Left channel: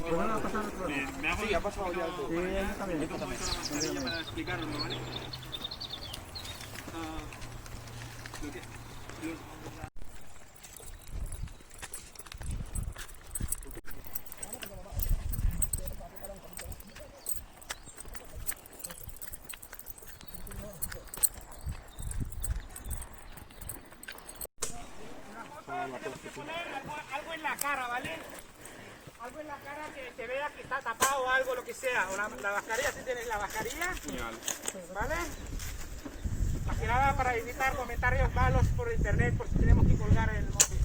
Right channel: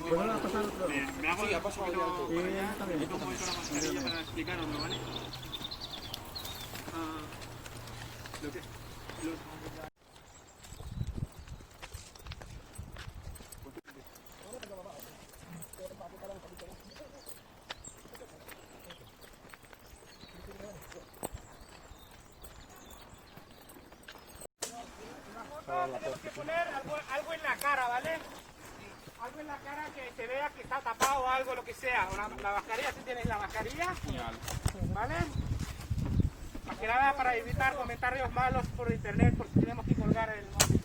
Me hago ya paso a la mascarilla para explicaroslo, ¿vale? Lo que... Tenemos que poner algo en la cara, ¿vale? Algo en la cara que se vea que está tapado o algo, lo que sea. O la mascarilla, si tienes la mascarilla, ¿vale? Más que nada para evitar comentarios malos por internet, porque tenemos que colgar el móvil.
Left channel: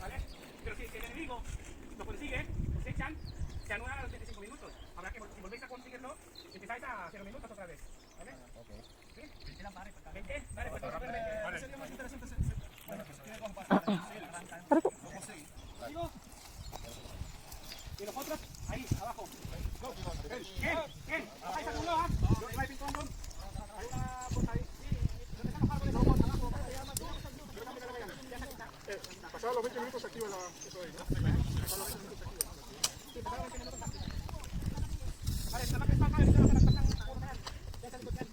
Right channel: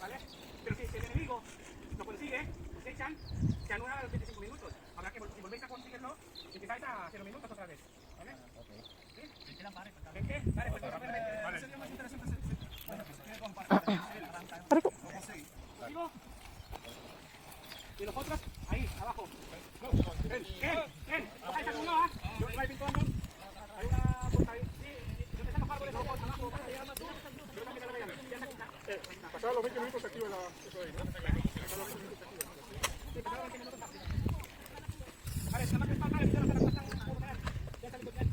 ¿Vale? Pero si el enemigo lo consigue, se echan, se anulan a los 25 minutos. Habrá que, si volvéis a conseguirlo, empezáis a 0 minutos otra vez. ¿Vale? Ok. ¿Sí? Vale, pues y los otros, ahí, abajo. ¿Qué? ¿Bajáis algún lado? Yo vais pintando. Hay una puerta ahí. ¿Dónde están los árboles? Abajo. Pasados los 20 minutos se activa eso de ahí, ¿no? Pasados los 20 minutos se activa. Sí, pasados los 20 minutos se activa. Vale, nada más que está mal, ya se lo ya.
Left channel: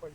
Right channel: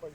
Paul.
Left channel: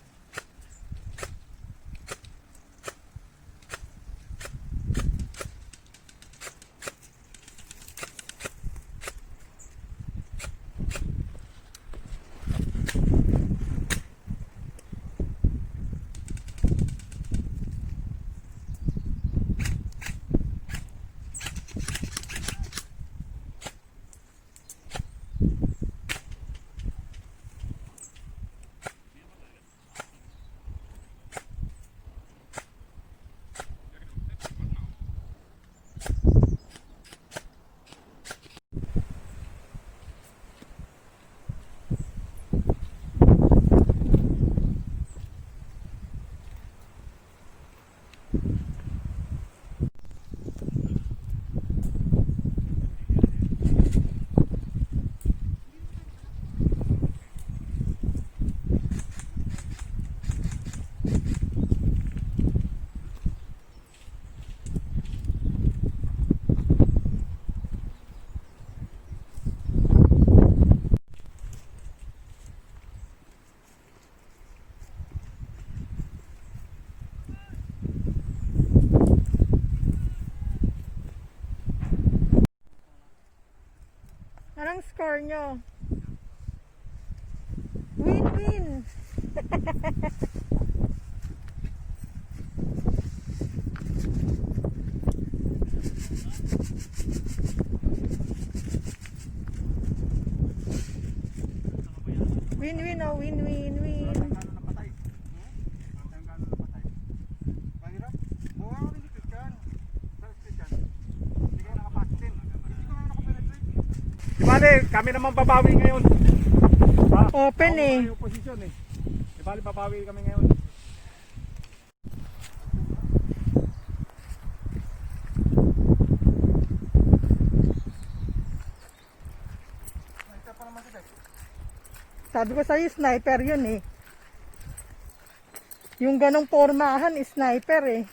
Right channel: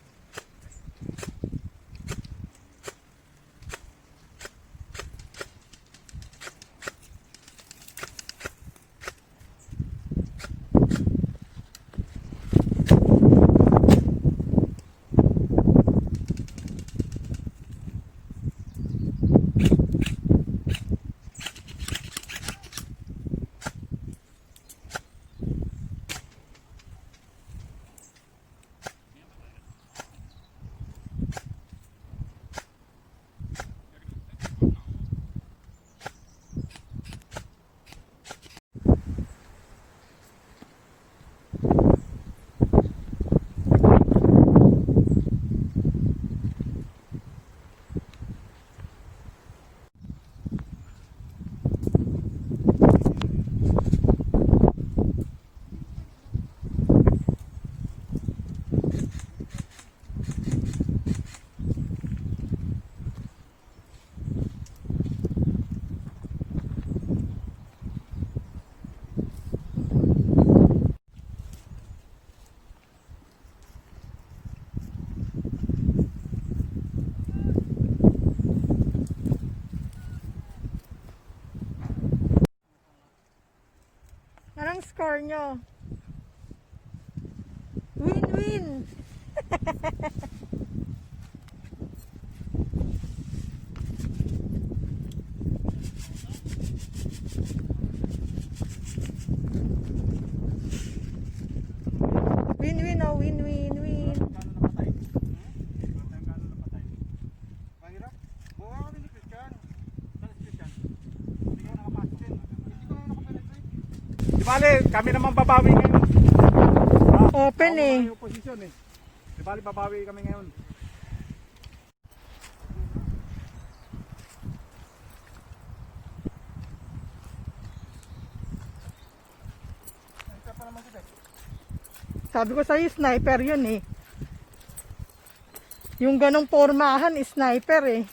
Anong score nyo? Win-win! Win-win oh, win-win-win. Di bali, kami naman babawi ngayon. Open eh. Yung posisyon eh. Di bali, babawi kami ngayon. Sabi ko sa'yo, sniper yun eh. Yung ganong pormahan, sniper eh.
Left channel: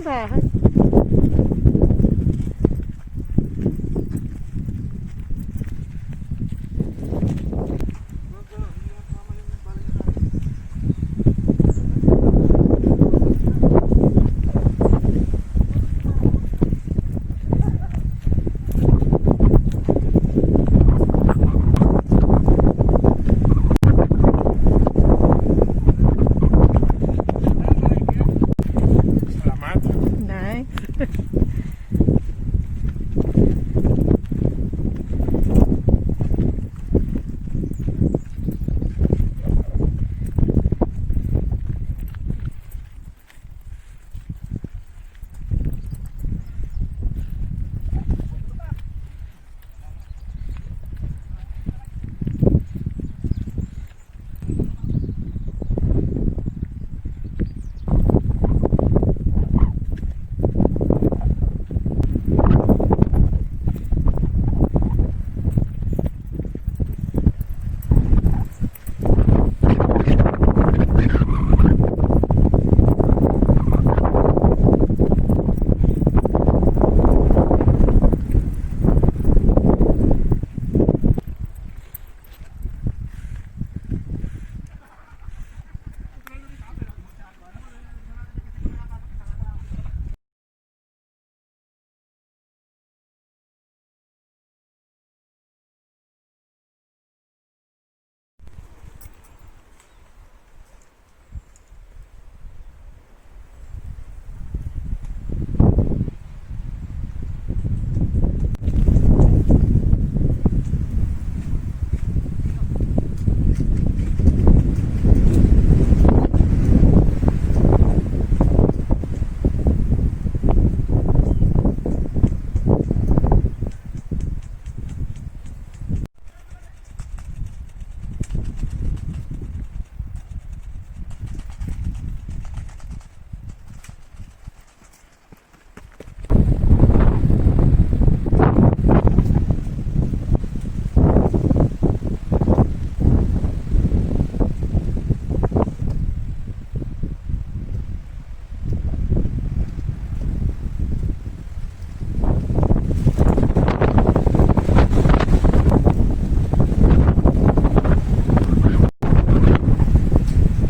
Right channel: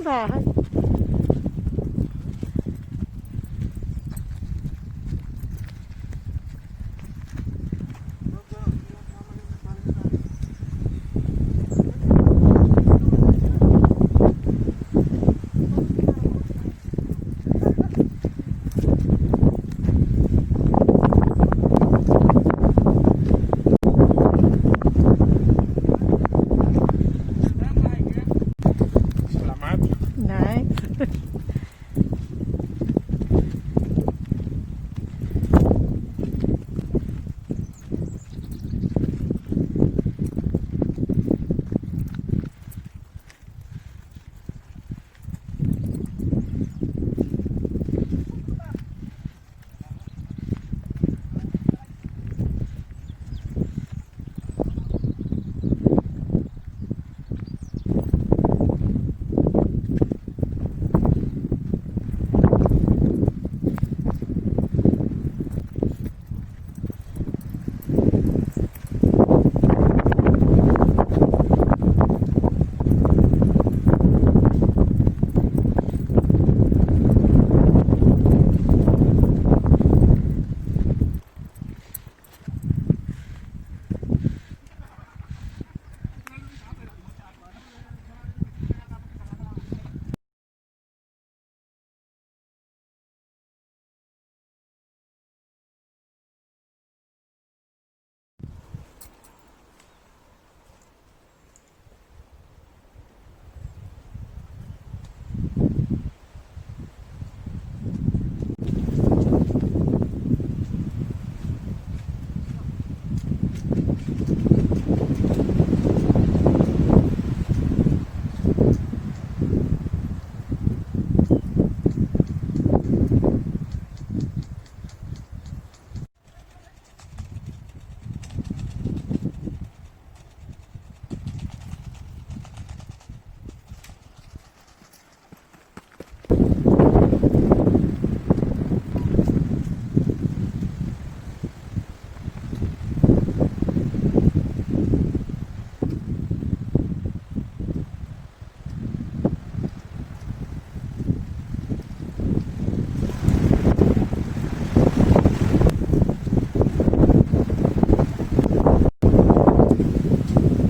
yung bahay. Selamat. Nice.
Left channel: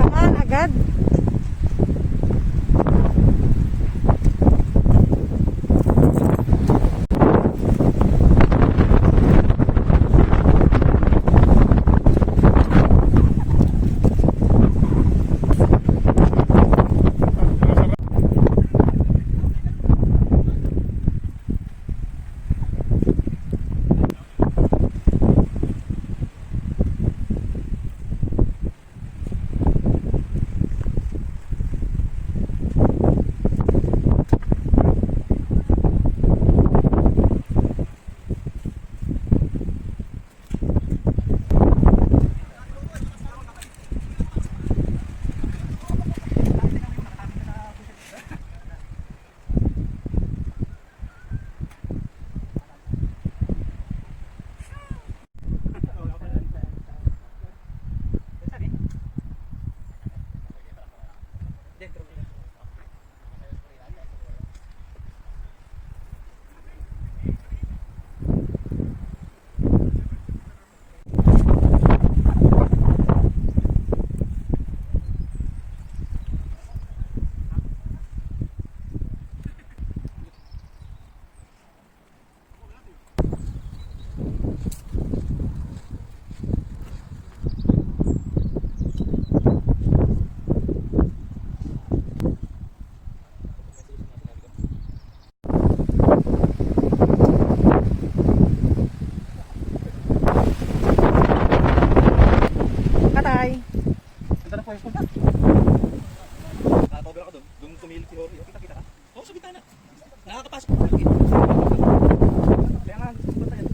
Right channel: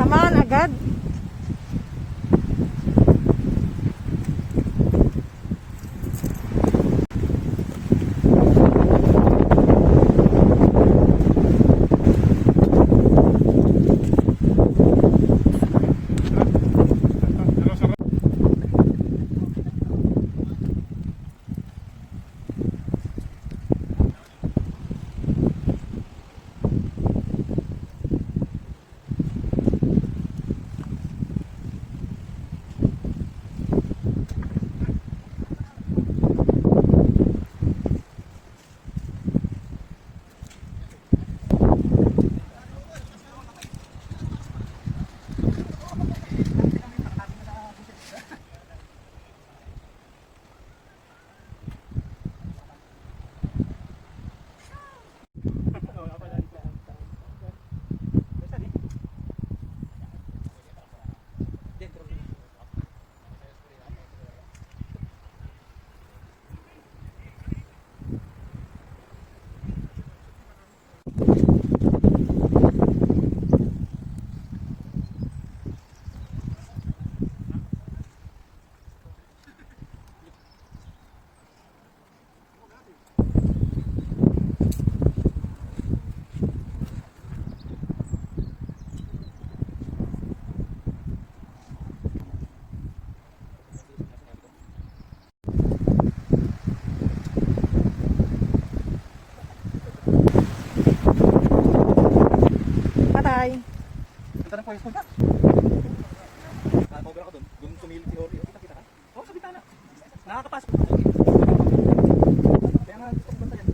Tamaan agad. Patay. Punta na po yung punta. Nakapagod ako doon. Doon sumilip si Hori. Kita ka? Oo, sa bitana. Nakakapasok. Kaya nga, punta yan.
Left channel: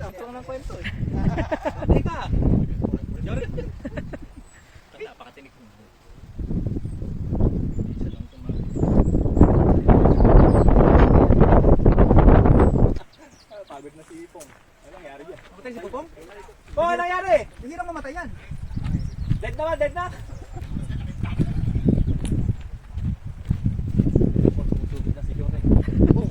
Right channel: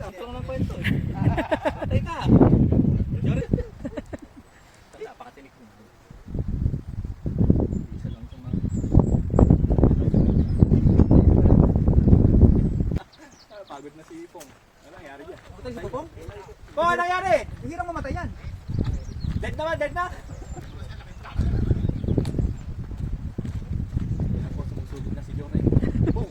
Tapos lang ng kwento eh. Teka! Yori! Napakatinig ko. Isa lang itong pagod na si Ipo. Namatay si Popong? Oo, ano nangyari? Hindi lang mamatay yan. Dead na ba? Dead na? Sugod na si Johnny. Boom!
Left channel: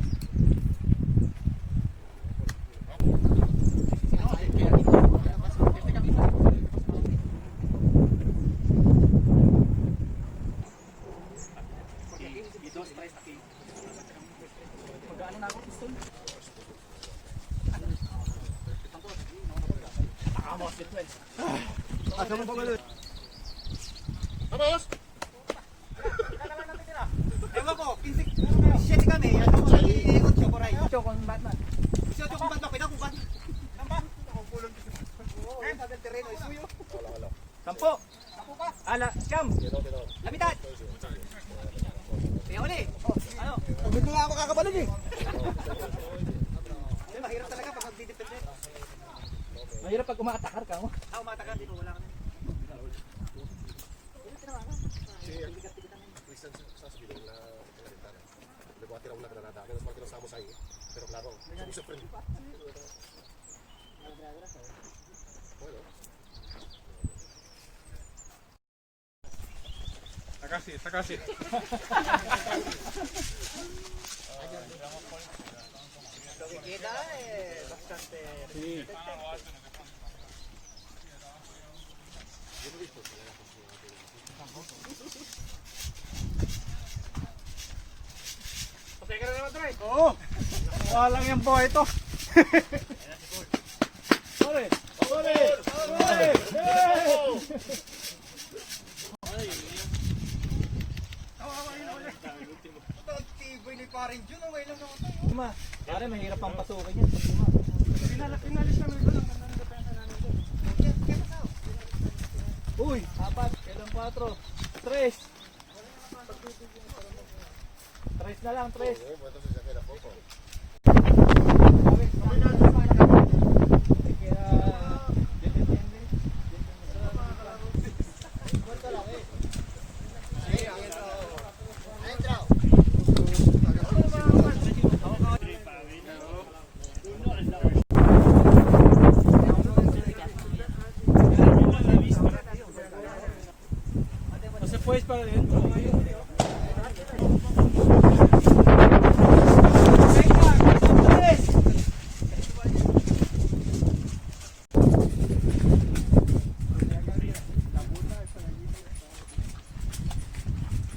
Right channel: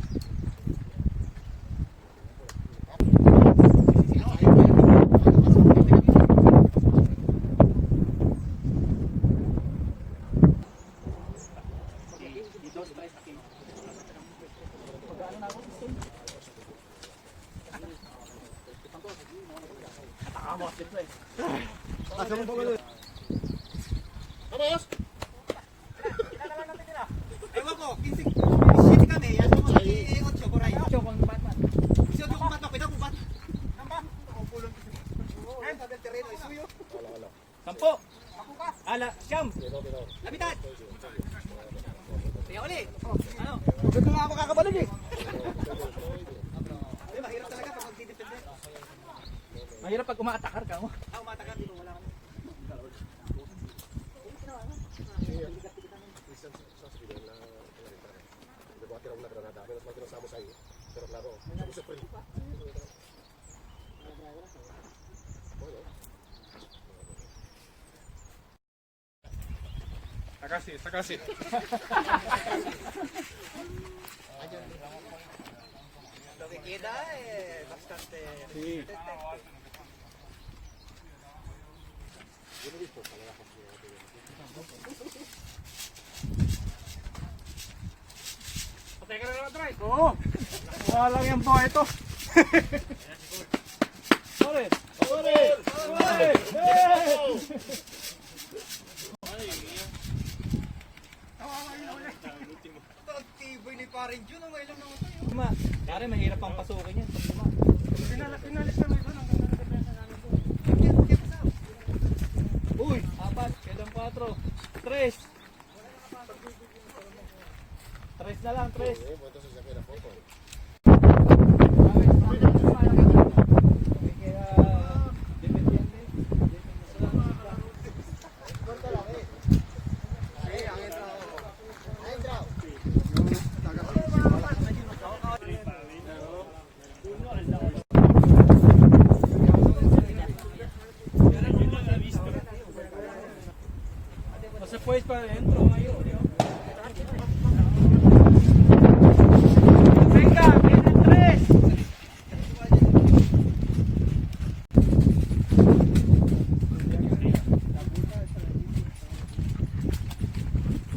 Vamos! Ewan ko, 15 kami. Ano ko, iikot siya por ahí. Ito, kung Batman. Gusto ko kung Batman, pinakubat. Namba? Sa del terreno, es suyo. 10. Ala, siyam. La mitad. Kaya ulit. Ano? Dito na ako makakabalik eh. Ay, mahirap talaga pag magdidipod mo. Mahirap pag umaatakar ka mo. Umaatakar dito, wala ka na. Está casi. Lo que queda es bastante... Sí. Oo. Wala lang yung buhay ito. Sorry. Ito, ang tiboy ni paring Jun. May ilang mga tayo. Pare, mahirap ang pasukin yun. Pinalis na nito. Uy, 4, kailang 4. 3. 3 na lang, 3. Después para adentro. Venga, 3.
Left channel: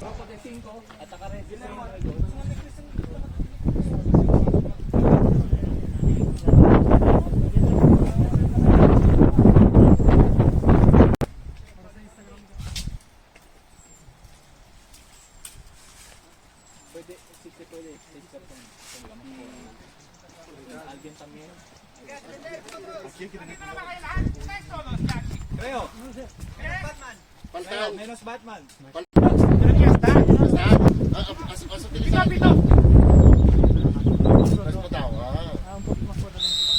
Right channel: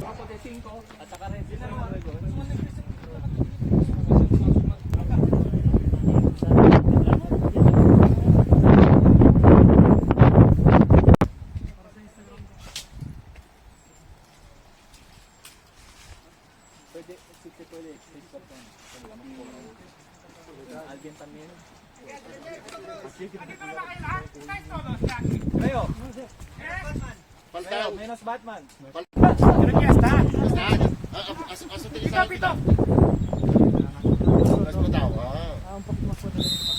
Bako de 5 at saka rin si pwede, alguien también. Nandito na ba kayo lahat? Guys, todos, Jackie. Creo, Eh? menos Batman. Pito, pito. Un poco más fuerte.